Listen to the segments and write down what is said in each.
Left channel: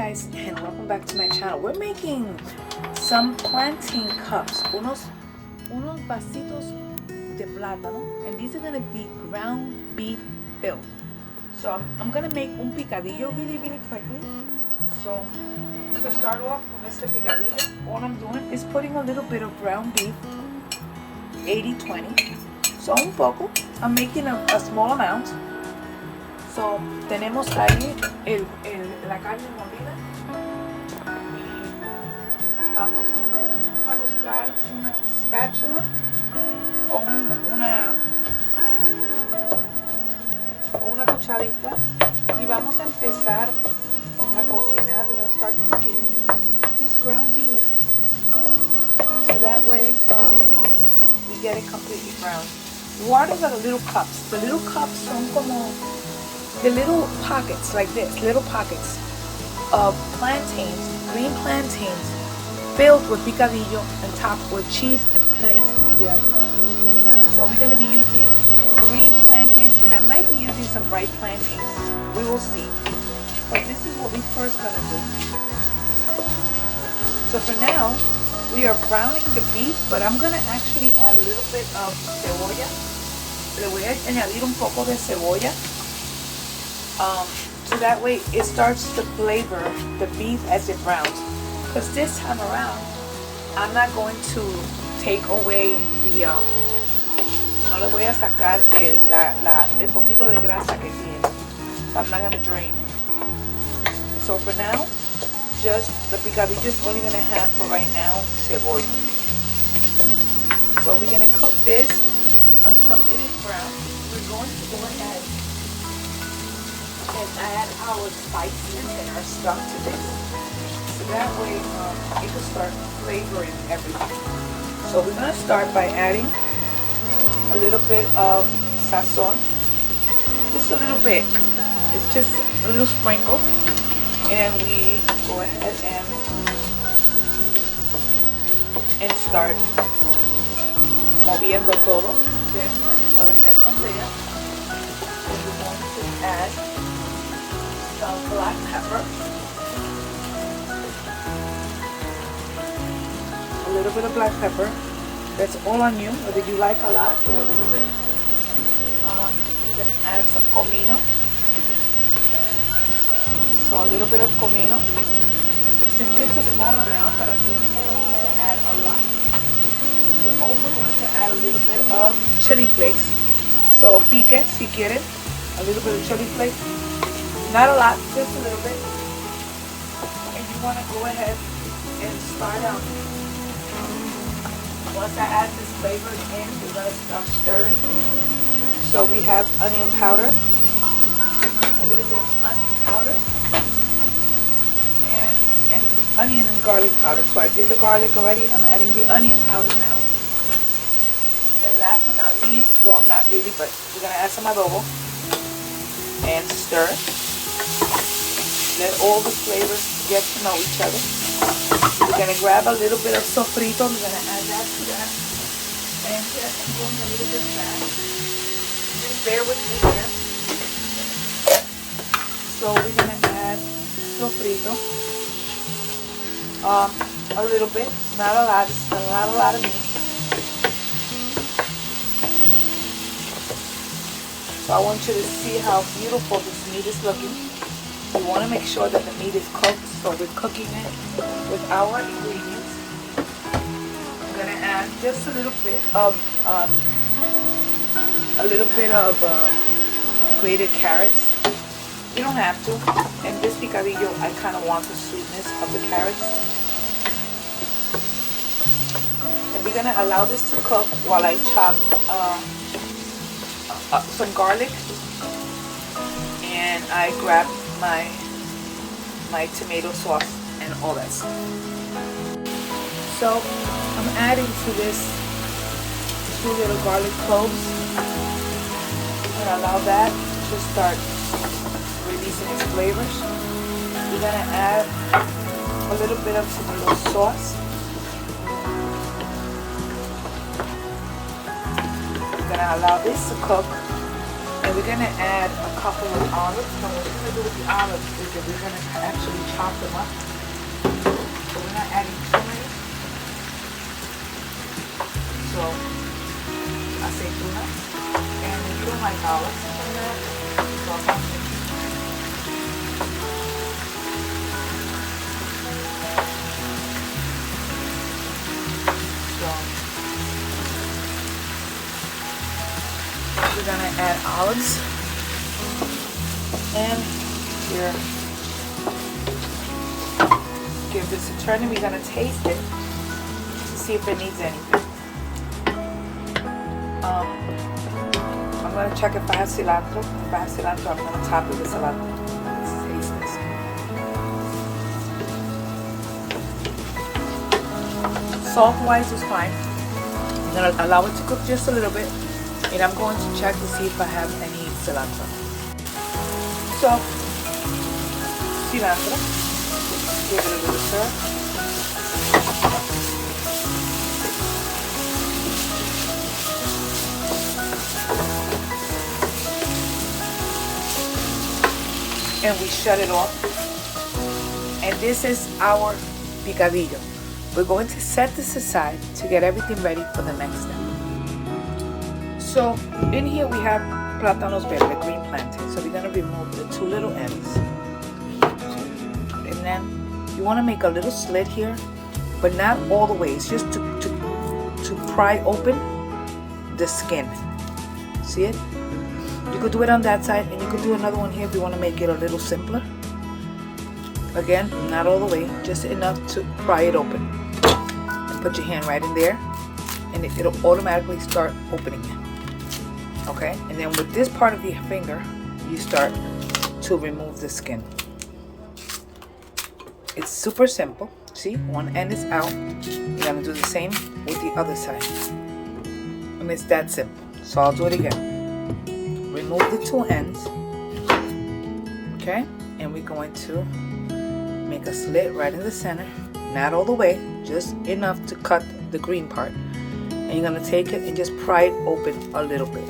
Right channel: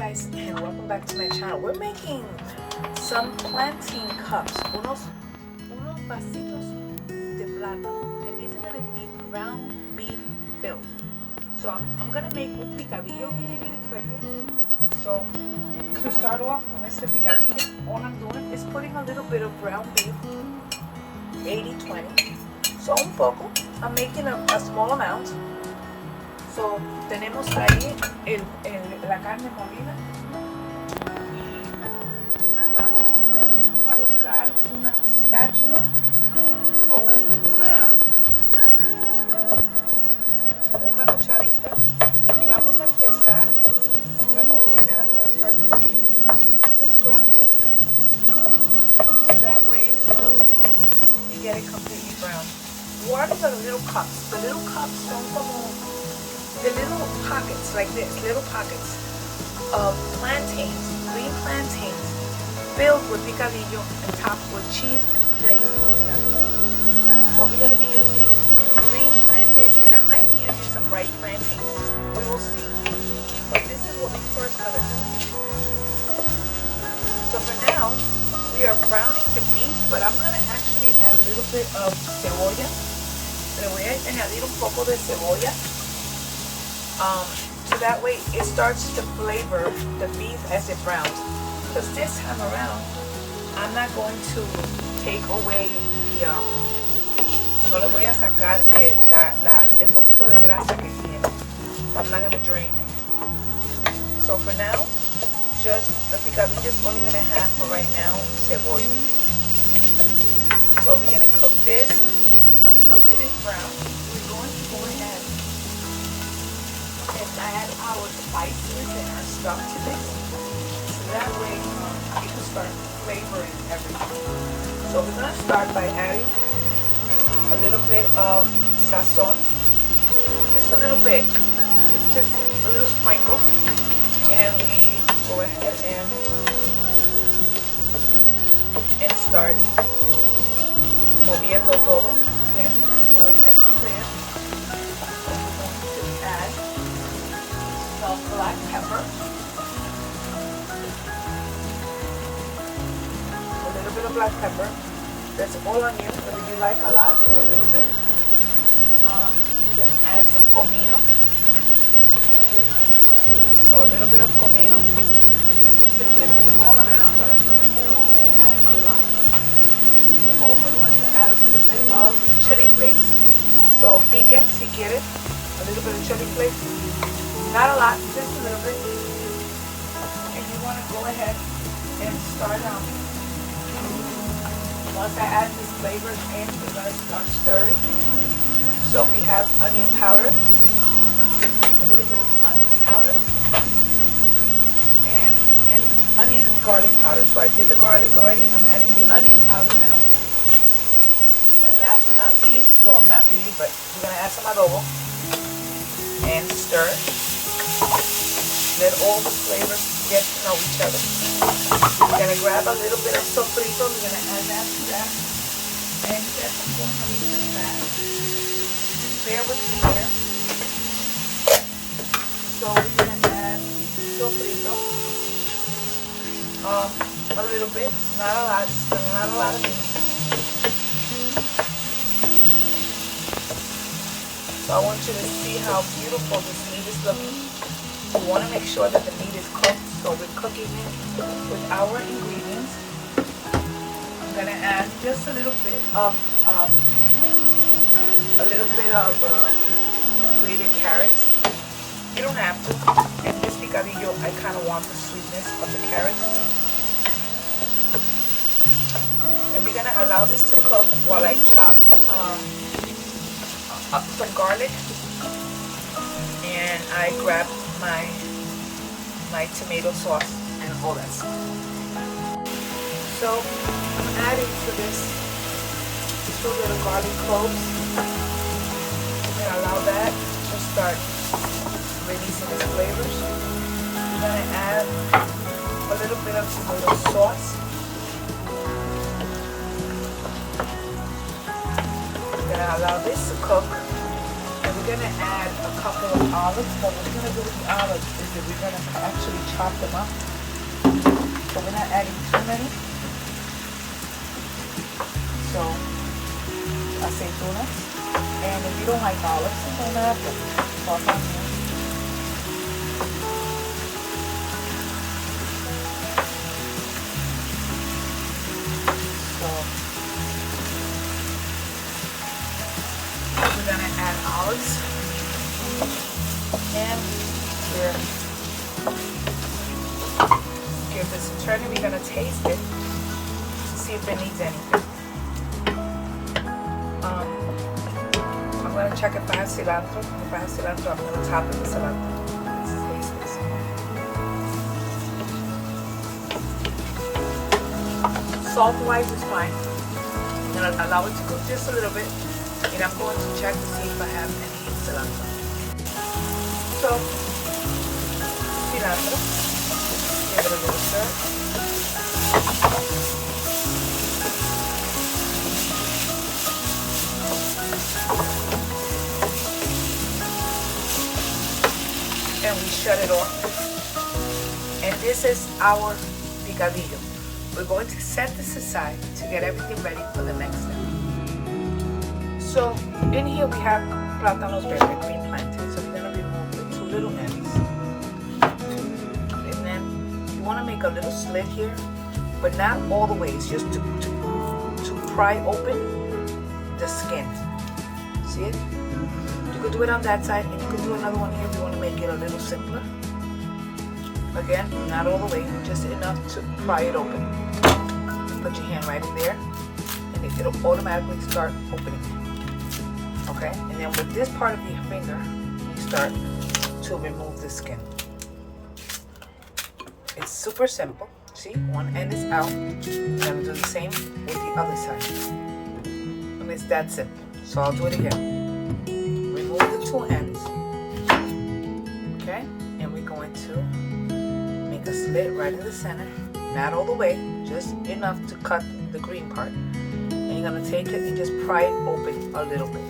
guys, and welcome back to my channel. We're making some plantain cups, unos vasitos de plátano, and these are gonna be ground beef filled. So I'm gonna make un picadillo really quickly. So to start off con este picadillo, all I'm doing is putting a little bit of ground beef, 80-20. So un poco. I'm making a small amount. So tenemos ahí la carne molida y vamos a buscar una spatula o una cucharita y vamos a empezar a cocinar. We're going to start cooking this ground beef so that way we get it completely brown. Waters are the little cups. The little cups son como the little pockets like this, little pockets of plantains, green plantains, filled with picadillo and topped with cheese and placed together. So we're going to be using green plantains, and I might be using some ripe plantains. We will see. But this is what we first going to do. So for now, we are browning the beef, but I'm going to actually add a little bit of cebolla. Le voy a añadir un poco de cebolla. So that way it starts to flavor the beef as it browns. Because this time around, I'm not going to take away the, no le voy a sacar el poquito de grasa que tiene. I'm not going to drain it. So for now, just the picadillo is only going to have for right now cebolla. So we're going to cook this until it is brown. We're going to go ahead add our spices and our stuff to this. So that way it can start flavoring everything. So we're going to start by adding a little bit of sazon. Just a little bit. It's just a little sprinkle. And we go ahead and start moviendo todo. Then go ahead from there. We're going to add black pepper, a little bit of black pepper. That's all on you, whether you like a lot or a little bit. We're going to add some comino. So a little bit of comino. Since it's a small amount, but I'm going to add a lot. We're also going to add a little bit of chili flakes. So pique si quieres, a little bit of chili flakes. Not a lot, just a little bit. And you want to go ahead and start out. Once I add these flavors in, we're going to start stirring. So we have onion powder, a little bit of onion powder, and onion and garlic powder. So I did the garlic already. I'm adding the onion powder now. And last but not least, well, not really, but we're going to add some adobo and stir. Let all the flavors get to know each other. We're going to grab a little bit of sofrito. We're going to add that to that. And yes, I'm going a little bit fast. Just bear with me here. So we're going to add sofrito. A little bit, not a lot. Not a lot of meat. So I want you to see how beautiful this meat is looking. We want to make sure that the meat is cooked, so we're cooking it with our ingredients. I'm going to add just a little bit of grated carrots. You don't have to. In this picadillo, I kind of want the sweetness of the carrots. And we're going to allow this to cook while I chop some garlic, and I grab my tomato sauce and all that stuff. So I'm adding to this 2 little garlic cloves. I'm going to allow that to start releasing its flavors. We're going to add a little bit of tomato sauce. We're going to allow this to cook. And we're going to add couple of olives. No, what we're going to do with the olives is that we're going to actually chop them up. So we're not adding too many. So, aceitunas. And if you don't like olives, so not salt on them. So, we're going to add olives. And we're give this a turn, and we're going to taste it to see if it needs anything. I'm going to check if I have cilantro. If I have cilantro, I'm going to top it with cilantro. Let's taste this. Salt-wise is fine. I'm going to allow it to cook just a little bit, and I'm going to check to see if I have any cilantro. So, cilantro. Give it a little stir. And we shut it off. And this is our picadillo. We're going to set this aside to get everything ready for the next step. So in here we have plátanos verdes, green plantain. So we're going to remove the two little ends. And then you want to make a little slit here, but not all the way. It's just to pry open the skin. See it? You could do it on that side, and you could do another one here if you want to make it a little simpler. Again, not all the way, just enough to pry it open. Put your hand right in there, and it'll automatically start opening it. Okay? And then with this part of your finger, you start to remove the skin. It's super simple. See, one end is out. You're gonna do the same with the other side. And it's that simple. So I'll do it again. Remove the two ends. Okay? And we're going to make a slit right in the center. Not all the way, just enough to cut the green part. And you're gonna take it and just pry it open a little bit.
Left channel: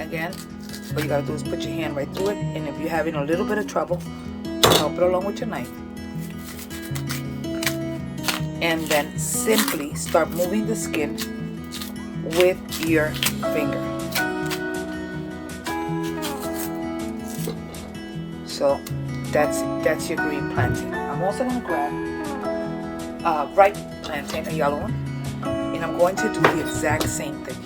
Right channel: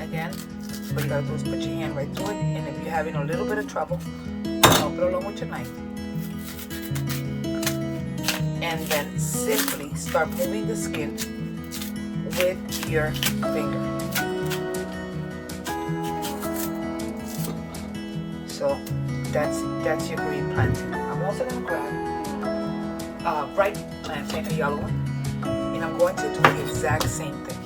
Again, what you gotta do is put your hand right through it, and if you're having a little bit of trouble, help it along with your knife. And then simply start moving the skin with your finger. So that's your green plantain. I'm also gonna grab ripe plantain, a yellow one, and I'm going to do the exact same thing.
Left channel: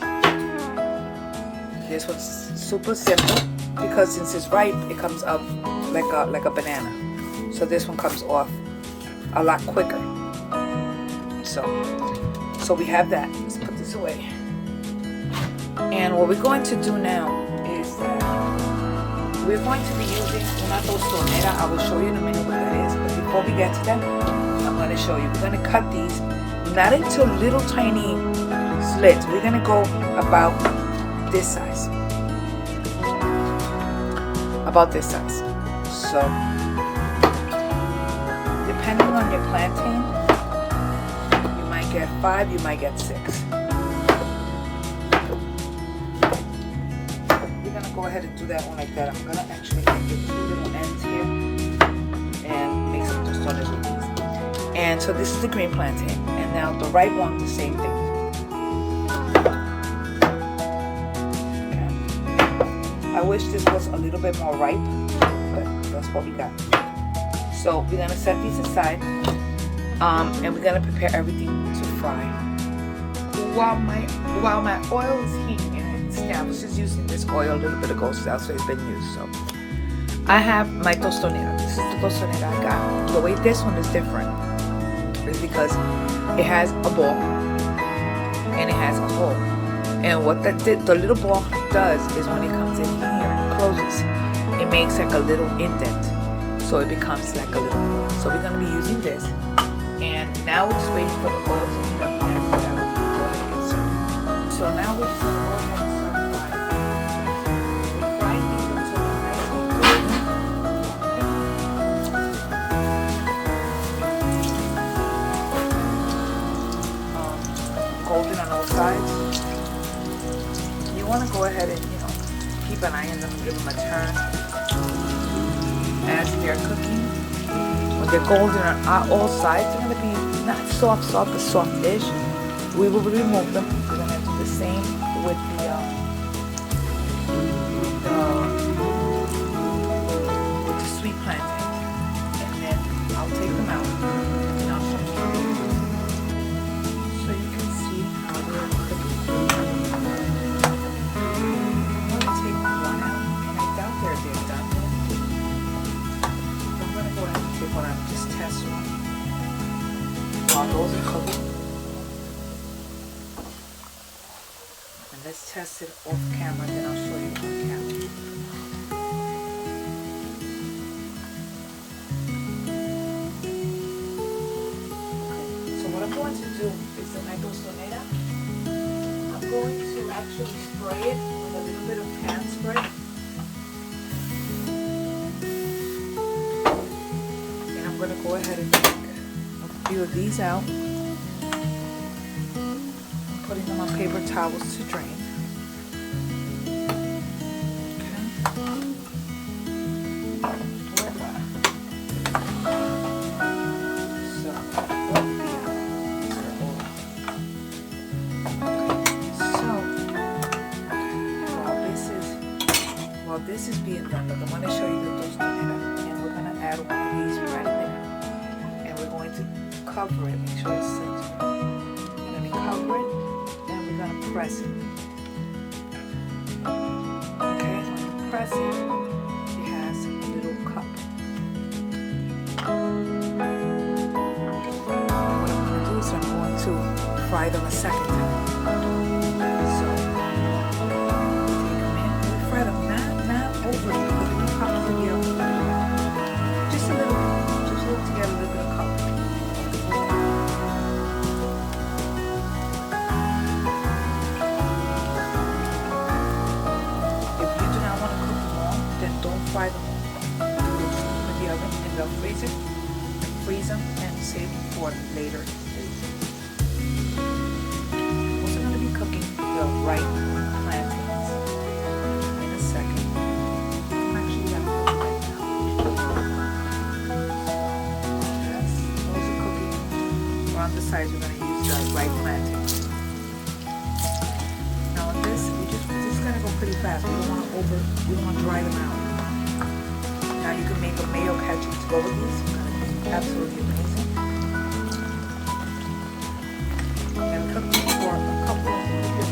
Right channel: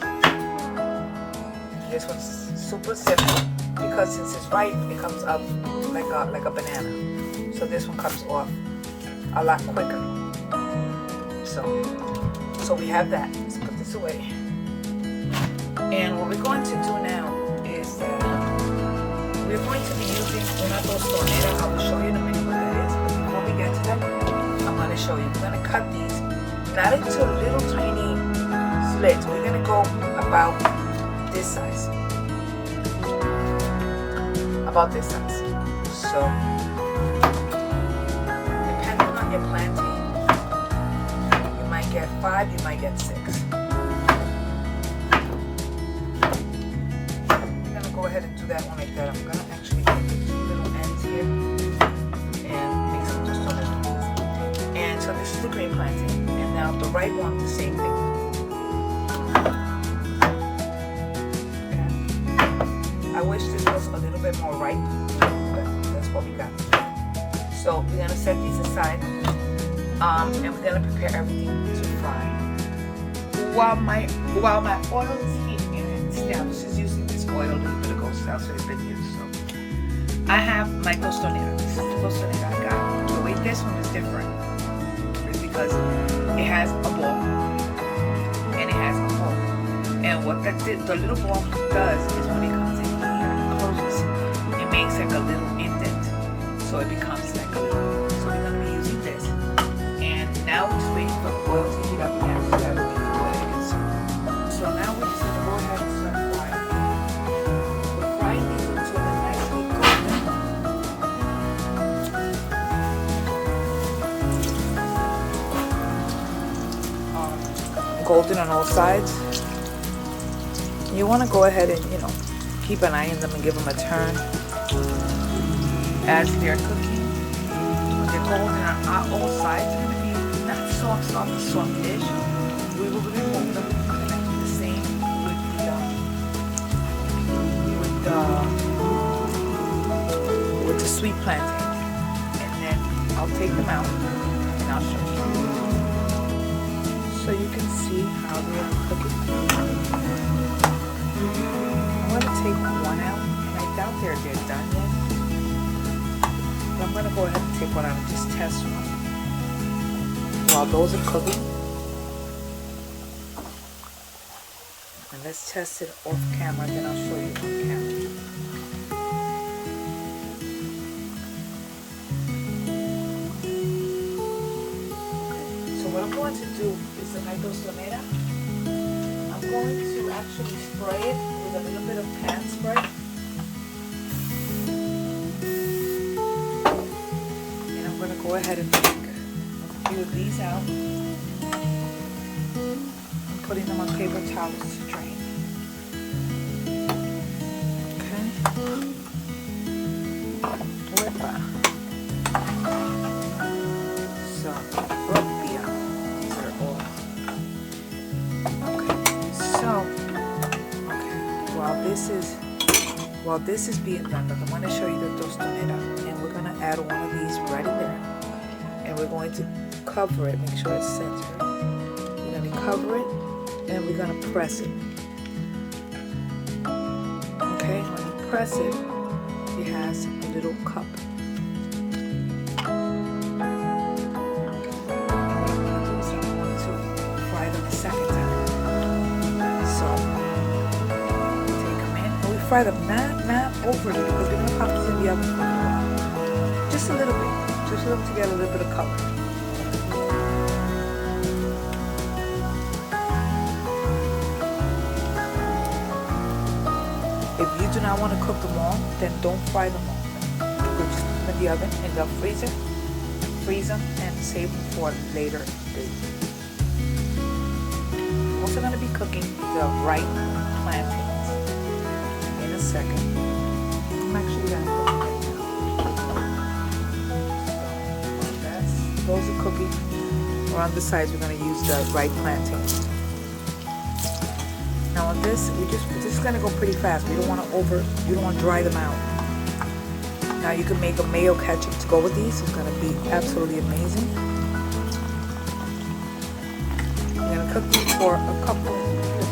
This one's super simple because since it's ripe, it comes up like a banana. So this one comes off a lot quicker. So we have that. Let's put this away. And what we're going to do now is that we're going to be using una tostonera. I will show you in a minute what it is. But before we get to that, I'm going to show you. We're going to cut these not into little tiny slits. We're going to go about this size. About this size. So, depending on your plantain, you might get 5, you might get 6. We're going to go ahead and do that one like that. I'm going to actually make it 2 little ends here and make some tostones. And so this is the green plantain. And now the right one, the same thing. Okay. I wish this was a little bit more ripe, but that's what we got. So we're going to set these aside, and we're going to prepare everything to fry. While my oil is heating, I was just using this oil a little bit ago, so that's what it's been used. So I have my tostonera. This is the tostonera I got. The way this one is different is because it has a ball and it has a hole. And what the little ball does is when it comes in here and closes, it makes like a little indent. So it becomes like a little. So we're going to be using this. And now we're just waiting for the oil to heat up and we're going to go ahead and get started. So now we're just going to go ahead and start frying. We're frying these until they're nicely golden on all sides. You want to go ahead and, keep an eye on them and give them a turn. As they're cooking, when they're golden on all sides, they're going to be not soft, but soft-ish. We will remove them. We're going to do the same with the sweet plantains. And then I'll take them out and I'll show you. So you can see how they are cooking. I'm going to take one out, and I doubt they're done yet. I'm going to go ahead and take one out and just test one. While those are cooking. And let's test it off camera, then I'll show you on camera. Okay, so what I'm going to do is in my tostonera, I'm going to actually spray it with a little bit of pan spray. I'm going to go ahead and take a few of these out. I'm putting them on paper towels to drain. While this is being done, I want to show you the tostonera, and we're going to add one of these right in there, and we're going to cover it, make sure it's centered. We're going to cover it, and we're going to press it. Okay, when you press it, it has a little cup. And what I'm going to do is I'm going to fry them a second time. So, take them in, we fry them not over it, because we're going to pop to the other side. Just a little bit, to get a little bit of color. If you do not want to cook them long, then don't fry them long. Just put them in the oven in the freezer, freeze them, and save them for later. I'm also going to be cooking the ripe plantains in a second. Size we're going to use the ripe plantain. Now on this, we're just going to go pretty fast. We don't want to dry them out. Now you can make a mayo ketchup to go with these. It's going to be absolutely amazing. I'm going to cook these for a couple of minutes.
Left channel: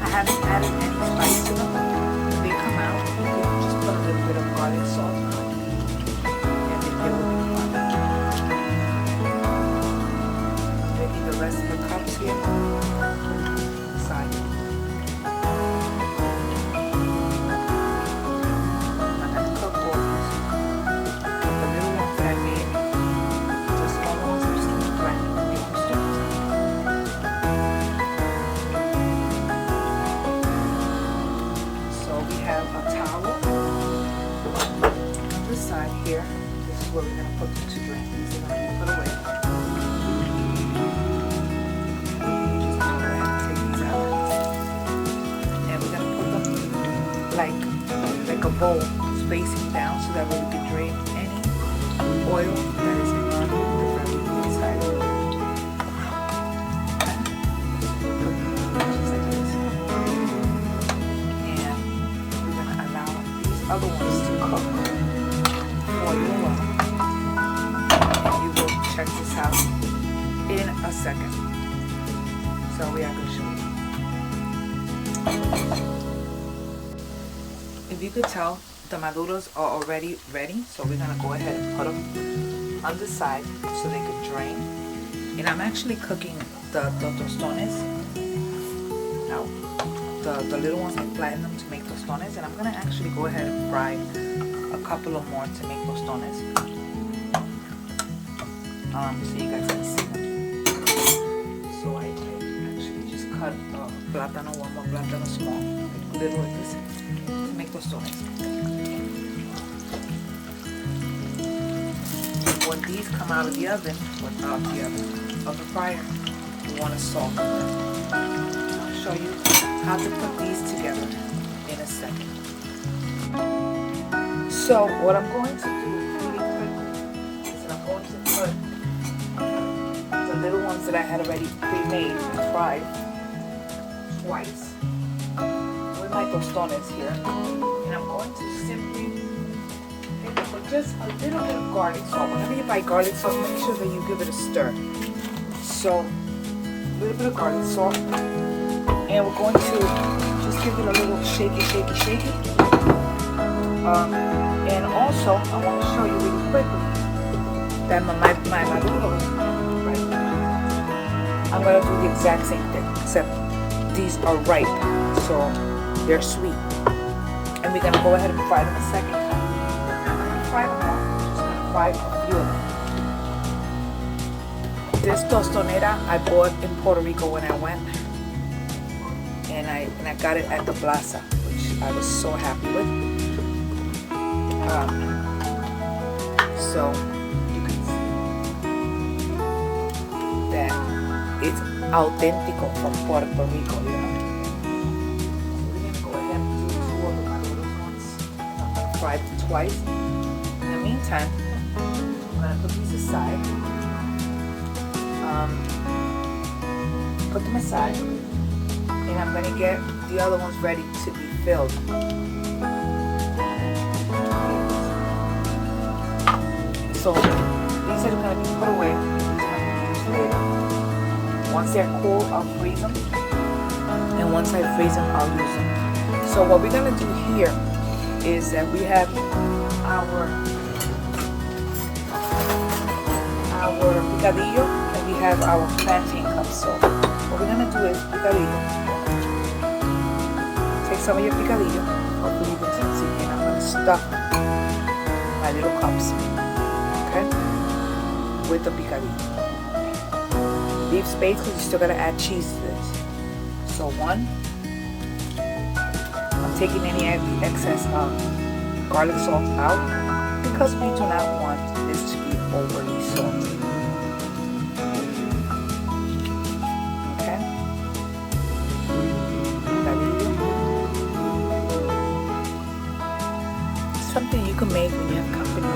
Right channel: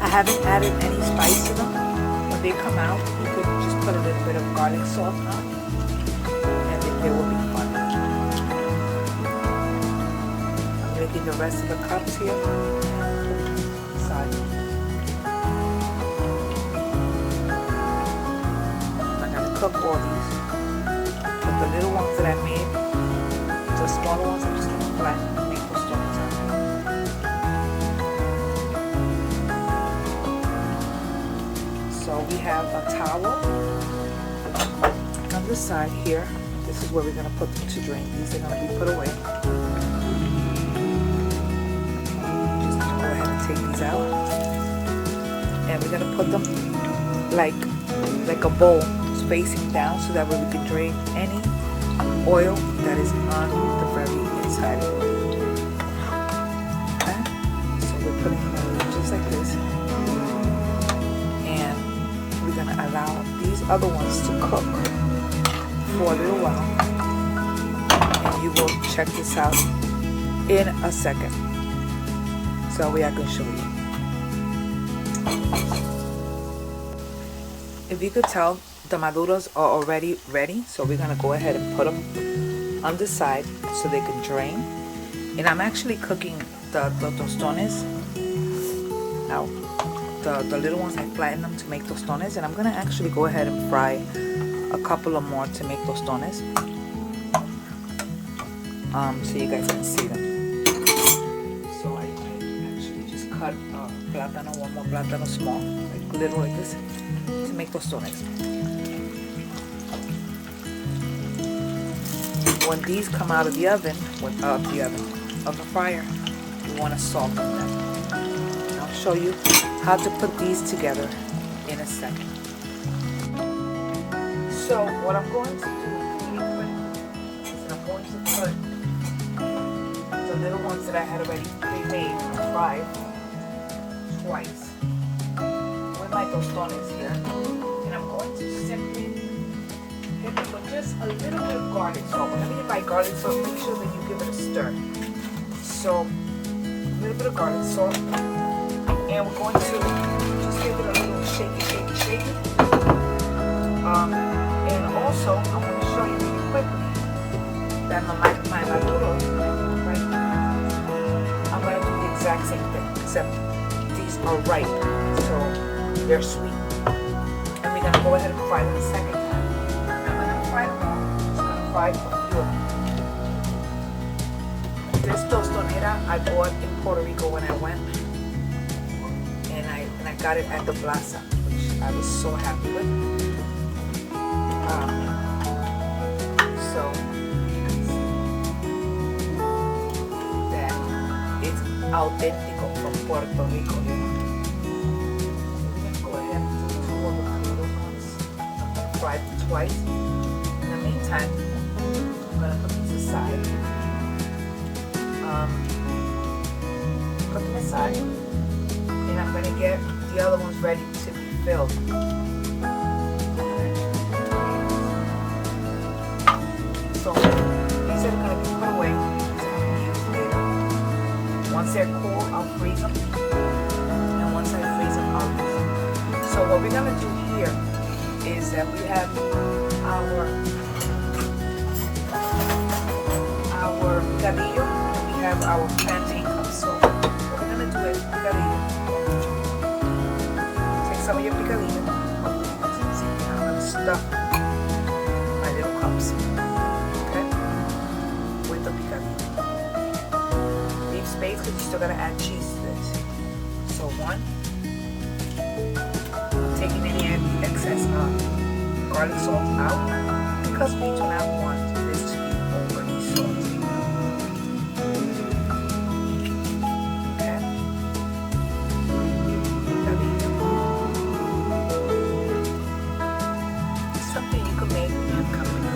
I haven't added any spice to them. When they come out, you could just put a little bit of garlic salt on it. Cups here, side. Cook all these. But the little ones that I made, the smaller ones, I'm just going to fry and make the stones. So we have a towel on this side here. This is where we're going to put them to drain. These are going to be put away. Like a bowl spacing down so that way we can drain any oil that is on the very inside. Okay. So we're just like this. And we're going to allow these other ones to cook for a little while. And you will check this out in a second. So we are going to show you. If you could tell, the maduros are already ready, so we're going to go ahead and put them on the side so they can drain. And I'm actually cooking the tostones out. The little ones, I flatten them to make tostones, and I'm going to actually go ahead and fry a couple of more to make tostones, so you guys can see them. So I actually just cut one more plátano small, little like this, to make tostones. When these come out of the oven, of the fire, you want to soften them. I'll show you how to put these together in a second. So what I'm going to do is I'm going to put the little ones that I had already pre-made fried twice with my tostones here, and I'm going to simply hit it with just a little bit of garlic salt. Whenever you buy garlic salt, make sure that you give it a stir. So a little bit of garlic salt, and we're going to just give it a little shaky. And also, I'm going to show you really quickly that my noodles, I'm going to do the exact same thing, except these are ripe, so they're sweet. And we're going to go ahead and fry them in a second. I'm going to fry them. Just going to fry them. This tostonera I bought in Puerto Rico when I went, and I got it at the plaza, which I was so happy with. So you can see that it's auténtico from Puerto Rico. Go ahead and do two of the ones. Fry them twice. In the meantime, I'm gonna put these aside. Put them aside, and I'm gonna get the other ones ready to be filled. So these are going to be put away. Once they're cool, I'll freeze them. And once I freeze them, I'll use them. So what we're going to do here is that we have our picadillo and we have our plantain cups. So what we're going to do is picadillo. Take some of your picadillo, and I'm going to stuff my little cups with the picadillo. Leave space because you're still going to add cheese to this. So one, I'm taking any excess garlic salt out because we do not want this to be overly salty. Okay. Something you can make in your company.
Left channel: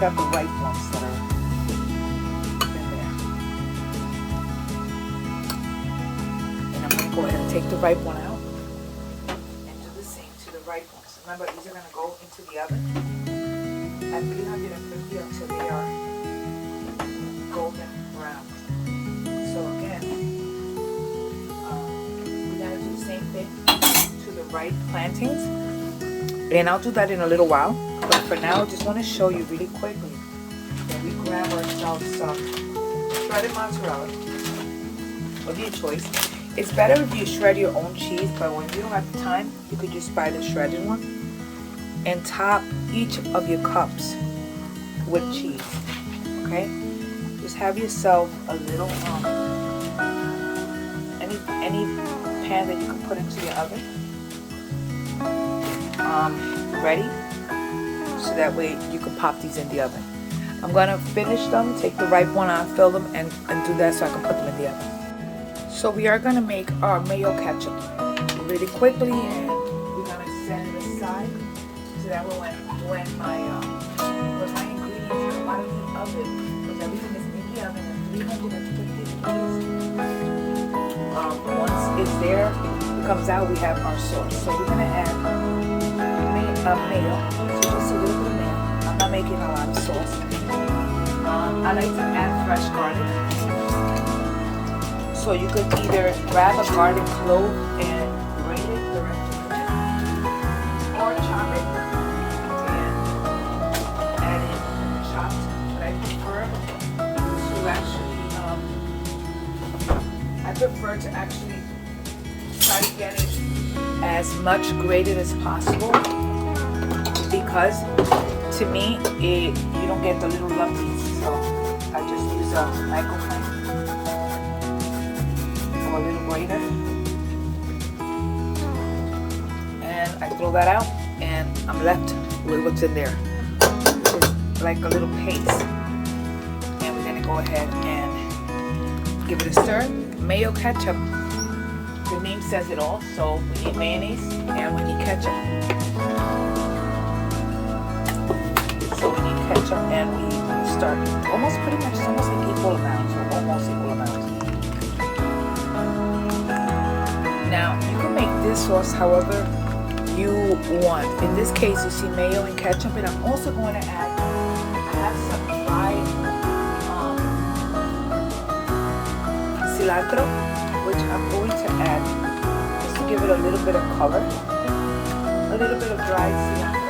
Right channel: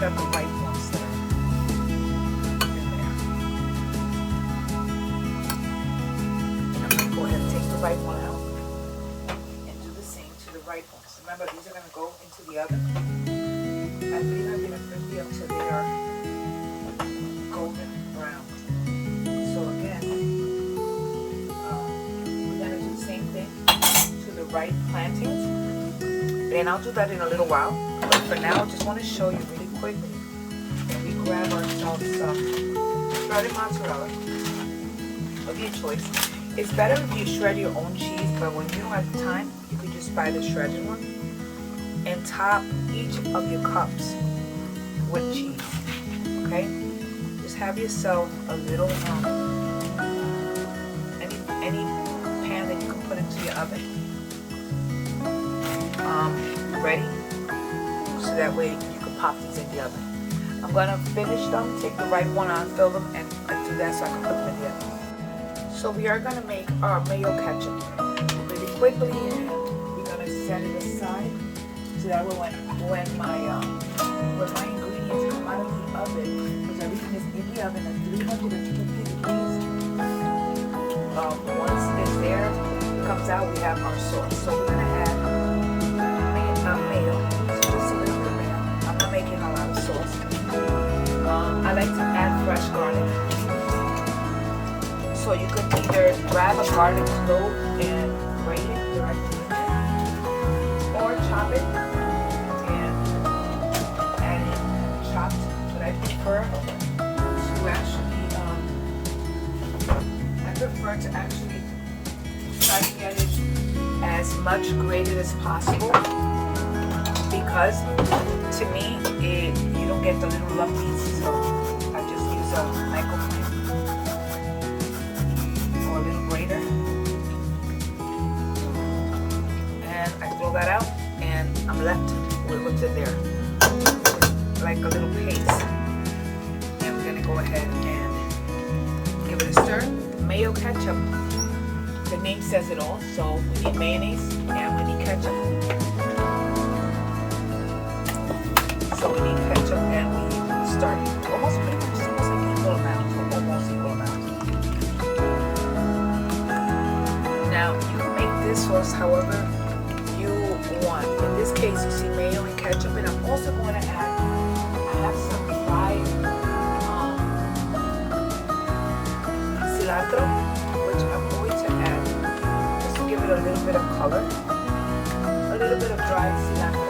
Got the right ones in there. And I'm going to go ahead and take the right one out and do the same to the right ones. Remember, these are going to go into the oven at 350 until they are golden brown. So again, we're going to do the same thing to the right plantains. And I'll do that in a little while. But for now, I just want to show you really quickly that we grab ourselves some shredded mozzarella of your choice. It's better if you shred your own cheese, but when you don't have time, you could just buy the shredded one and top each of your cups with cheese. Okay? Just have yourself a little any pan that you can put into your oven. Ready, so that way you can pop these in the oven. I'm going to finish them, take the right one out, fill them, and do that so I can put them in the oven. So we are going to make our mayo ketchup really quickly, and we're going to set it aside so that way when my ingredients come out of the oven, because everything is in the oven at 350 degrees, once it's there, it comes out, we have our sauce. So we're going to add mayo. So just a little bit of mayo. I'm not making a lot of sauce. I like to add fresh garlic. So you could either grab a garlic clove and grate it the rest of the time, or chop it and add it chopped. But I prefer to actually try to get it as much grated as possible, because to me you don't get the little lumpies. So I just use a microphone or a little grater, and I throw that out, and I'm left with what's in there. like a little paste. And we're gonna go ahead and give it a stir. Mayo ketchup. The name says it all. So we need mayonnaise and we need ketchup. So we need ketchup and we will start almost pretty much almost like equal amounts. So almost equal amounts. Now you can make this sauce however you want. In this case, you see mayo and ketchup, and I'm also going to add some fried cilantro, which I'm going to add just to give it a little bit of color, a little bit of dried cilantro.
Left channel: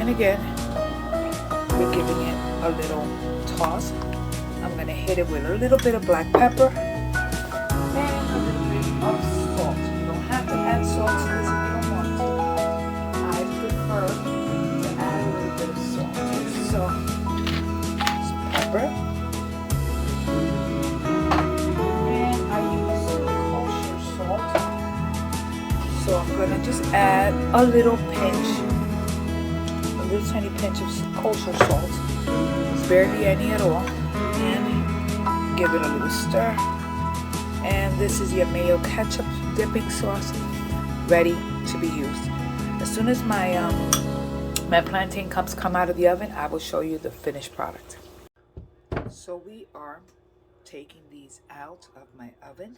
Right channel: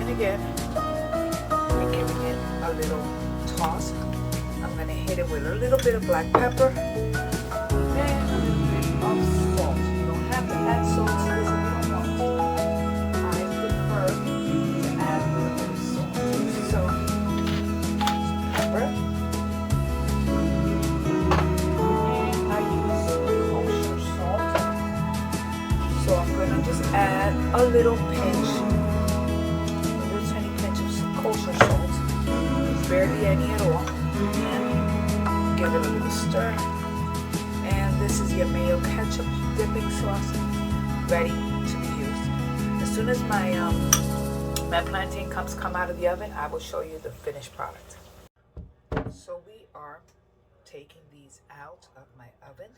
And again, we're giving it a little toss. I'm going to hit it with a little bit of black pepper. A little pinch, a little tiny pinch of kosher salt. It's barely any at all. And give it a little stir. And this is your mayo ketchup dipping sauce ready to be used. As soon as my plantain cups come out of the oven, I will show you the finished product. So we are taking these out of my oven.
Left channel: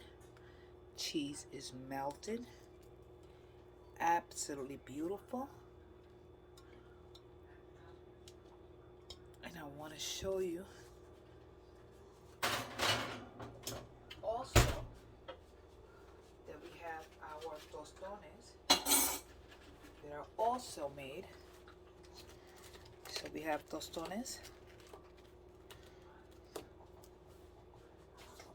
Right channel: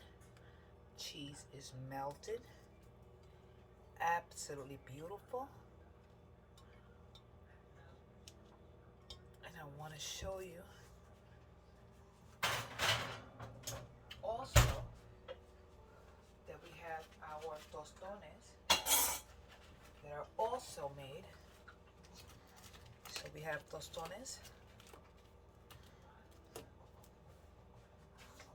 Cheese is melted. Absolutely beautiful. And I want to show you also that we have our tostones that are also made. So we have tostones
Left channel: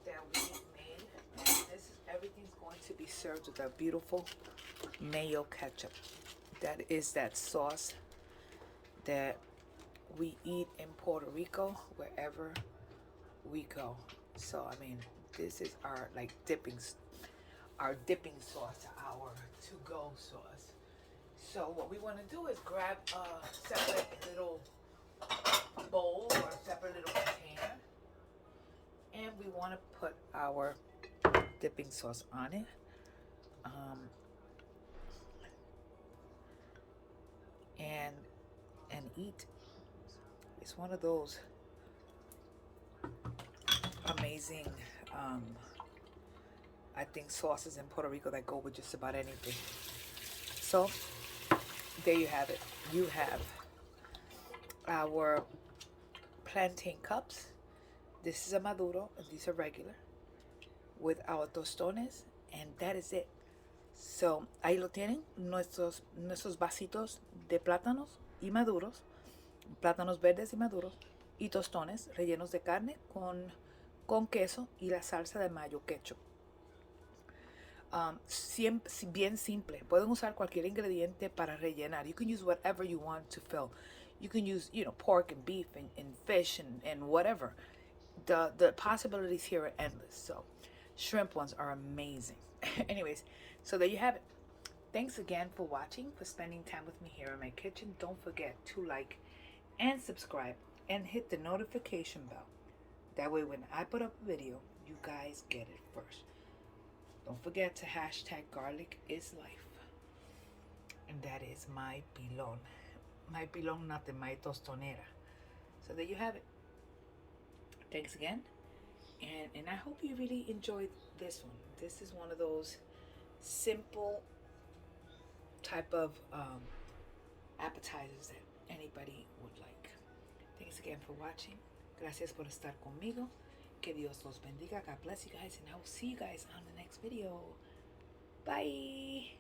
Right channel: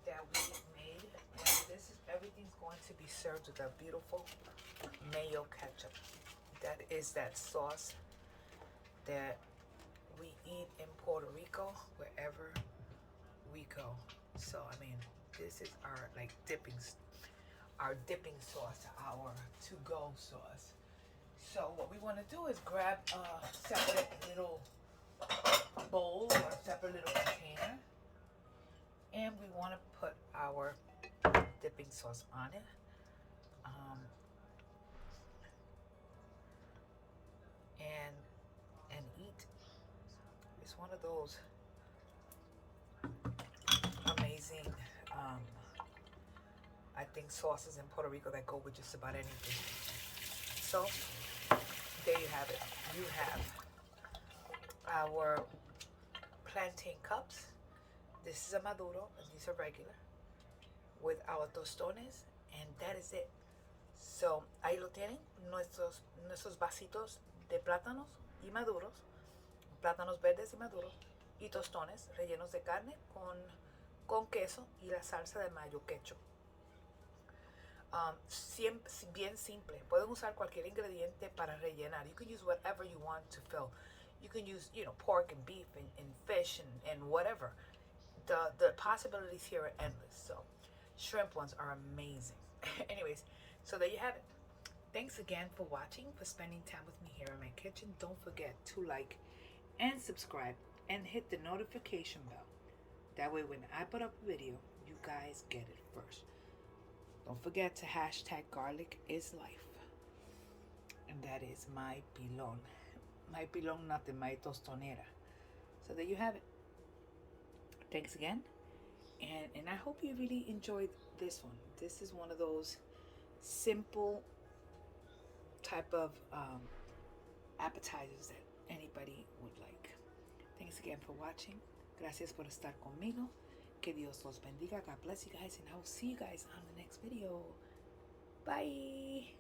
that we made, and this is everything's going to be served with a beautiful mayo ketchup. That is that sauce that we eat in Puerto Rico wherever we go. So I mean, this is our like dipping sauce, our to-go sauce. So what we want to do is grab a separate little bowl or a separate little container, and we want to put our dipping sauce on it. And eat. It's one of those amazing I think sauces in Puerto Rico that go with just about anything. So there you have it. You have our plantain cups. This is a maduro and these are regular, with our tostones, and that is it. So ahí lo tienen, nuestros vasitos de plátanos y maduros, plátanos verdes y maduros, y tostones rellenos de carne con queso y la salsa de mayo ketchup. Bien simple. Pueden usar cualquier ingrediente para rellenar. You can use whatever you want to fill. You can use, pork and beef and fish and whatever. The possibilities here are endless. So shrimp ones are amazing. Anyways, so there you have it. Thanks again for watching, for spending time with me here in my kitchen. Don't forget to like and subscribe and hit the notification bell. That way when I put up a video, you guys get it first. Don't forget to hashtag garlic is life. And that is my pilon. My pilon, nothing, my tostonera. So there you have it. Thanks again. And I hope you really enjoyed this one. This is one of those simple type of appetizers that anybody would like. Thanks again for watching. Gracias por estar conmigo. Que Dios los bendiga. God bless you guys, and I will see you guys on the next video. Bye.